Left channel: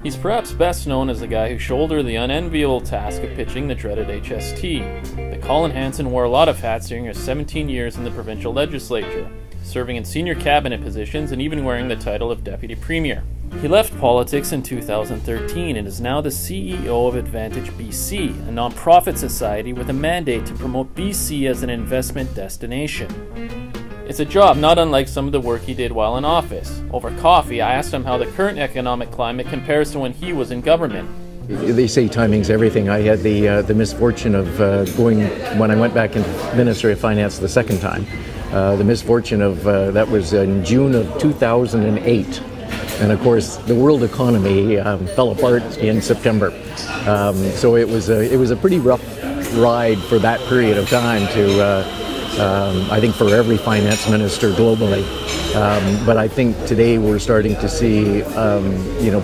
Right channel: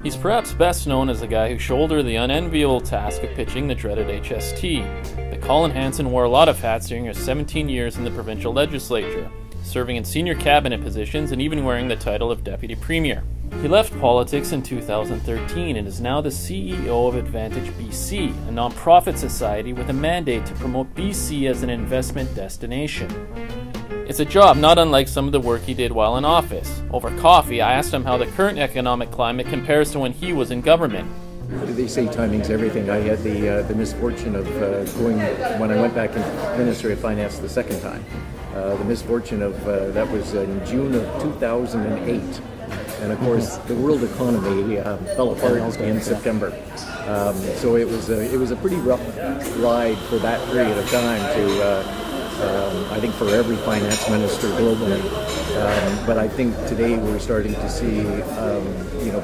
He's perhaps best known as the guy who shouldered the unenviable task of pitching the dreaded HST. But Colin Hansen wore a lot of hats during his 17 years in the provincial legislature, serving in senior cabinet positions and even wearing the title of Deputy Premier. He left politics in 2013 and is now the CEO of Advantage BC, a non-profit society with a mandate to promote BC as an investment destination. It's a job not unlike some of the work he did while in office. Over coffee, I asked him how the current economic climate compares to when he was in government. They say timing's everything. I had the misfortune of going, when I went back into Ministry of Finance the second time, the misfortune of, that was in June of 2008. And of course, the world economy fell apart in September. So it was a pretty rough ride for that period of time to, I think, for every finance minister globally. But I think today we're starting to see,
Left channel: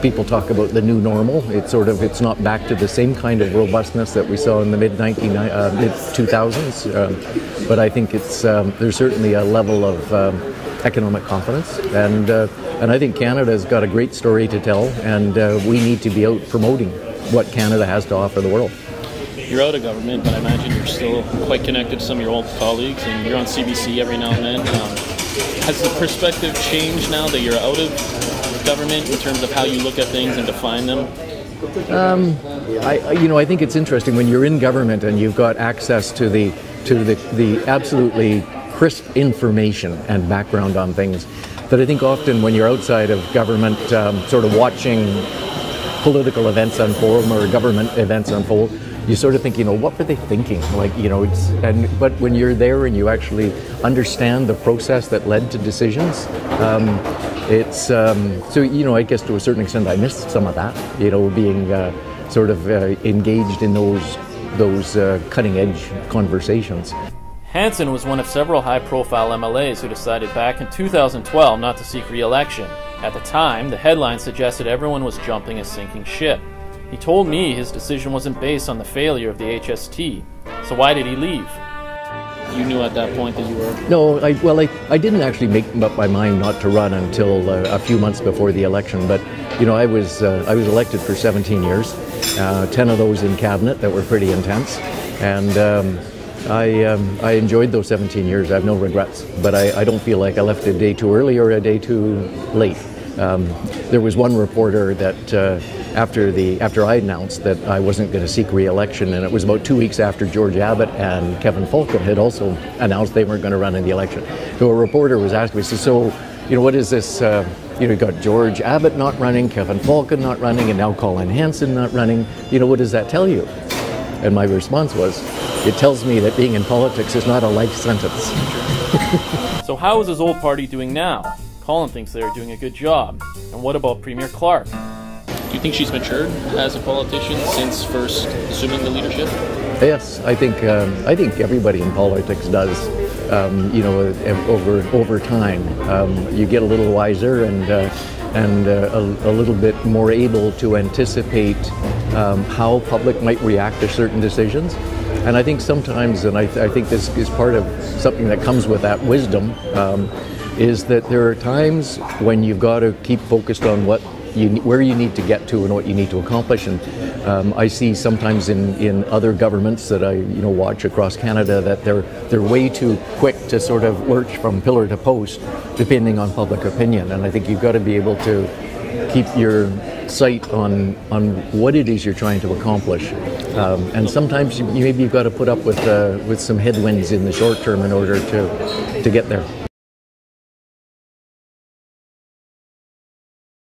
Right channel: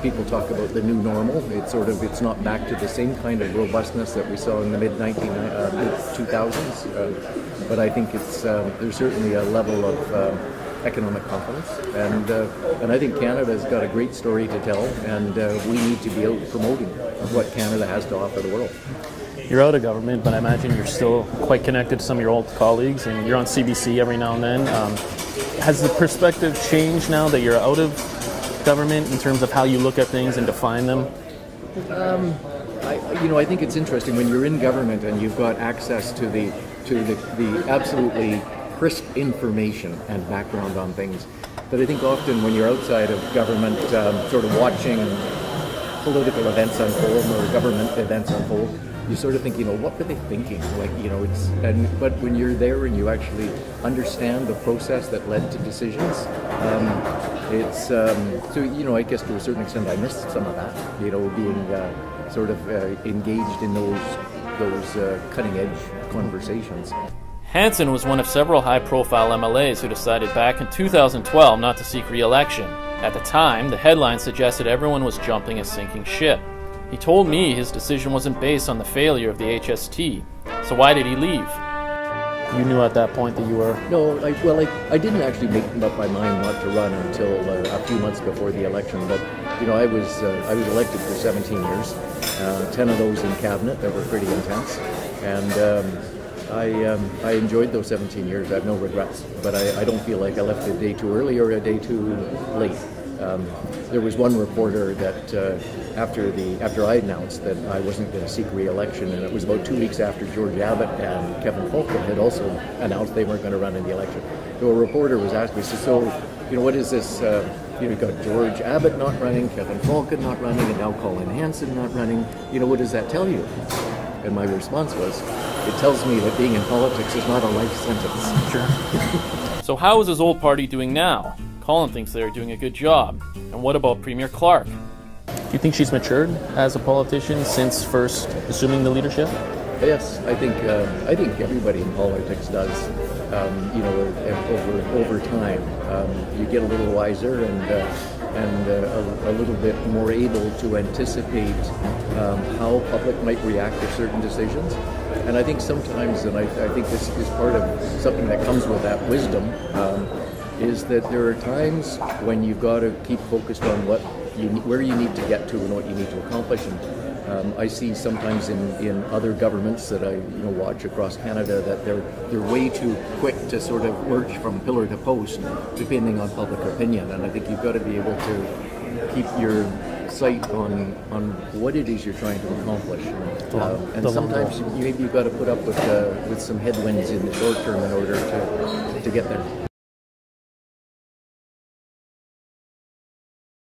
people talk about the new normal. It's not back to the same kind of robustness that we saw in the mid-2000s. But I think there's certainly a level of economic confidence, and I think Canada's got a great story to tell, and we need to be out promoting what Canada has to offer the world. You're out of government, but I imagine you're still quite connected to some of your old colleagues, and you're on CBC every now and then. Has the perspective changed now that you're out of government in terms of how you look at things and define them? I think it's interesting when you're in government and you've got access to the absolutely crisp information and background on things, that I think often when you're outside of government, sort of watching political events unfold or government events unfold, you sort of think, what were they thinking? But when you're there and you actually understand the process that led to decisions, I guess to a certain extent I missed some of that, being engaged in those cutting-edge conversations. Hansen was one of several high-profile MLAs who decided back in 2012 not to seek re-election. At the time, the headline suggested everyone was jumping a sinking ship. He told me his decision wasn't based on the failure of the HST. So why did he leave? You knew at that point that you were... No, I didn't actually make up my mind not to run until a few months before the election. But I was elected for 17 years, 10 of those in cabinet that were pretty intense, and I enjoyed those 17 years. I have no regrets, but I don't feel like I left a day too early or a day too late. There was one reporter that after I announced that I wasn't going to seek re-election, and it was about 2 weeks after George Abbott and Kevin Falcon had also announced they weren't going to run in the election. So a reporter was asking me, so what is this? You got George Abbott not running, Kevin Falcon not running, and now Colin Hansen not running. What does that tell you? And my response was, it tells me that being in politics is not a life sentence. So how is his old party doing now? Colin thinks they are doing a good job. And what about Premier Clark? Do you think she's matured as a politician since first assuming the leadership? Yes, I think everybody in politics does. Over time, you get a little wiser and a little bit more able to anticipate how public might react to certain decisions. And I think sometimes, and I think this is part of something that comes with that wisdom, is that there are times when you've got to keep focused on where you need to get to and what you need to accomplish. And I see sometimes in other governments that I watch across Canada that they're way too quick to sort of lurch from pillar to post, depending on public opinion. And I think you've got to be able to keep your sight on what it is you're trying to accomplish. And sometimes maybe you've got to put up with some headwinds in the short term in order to get there.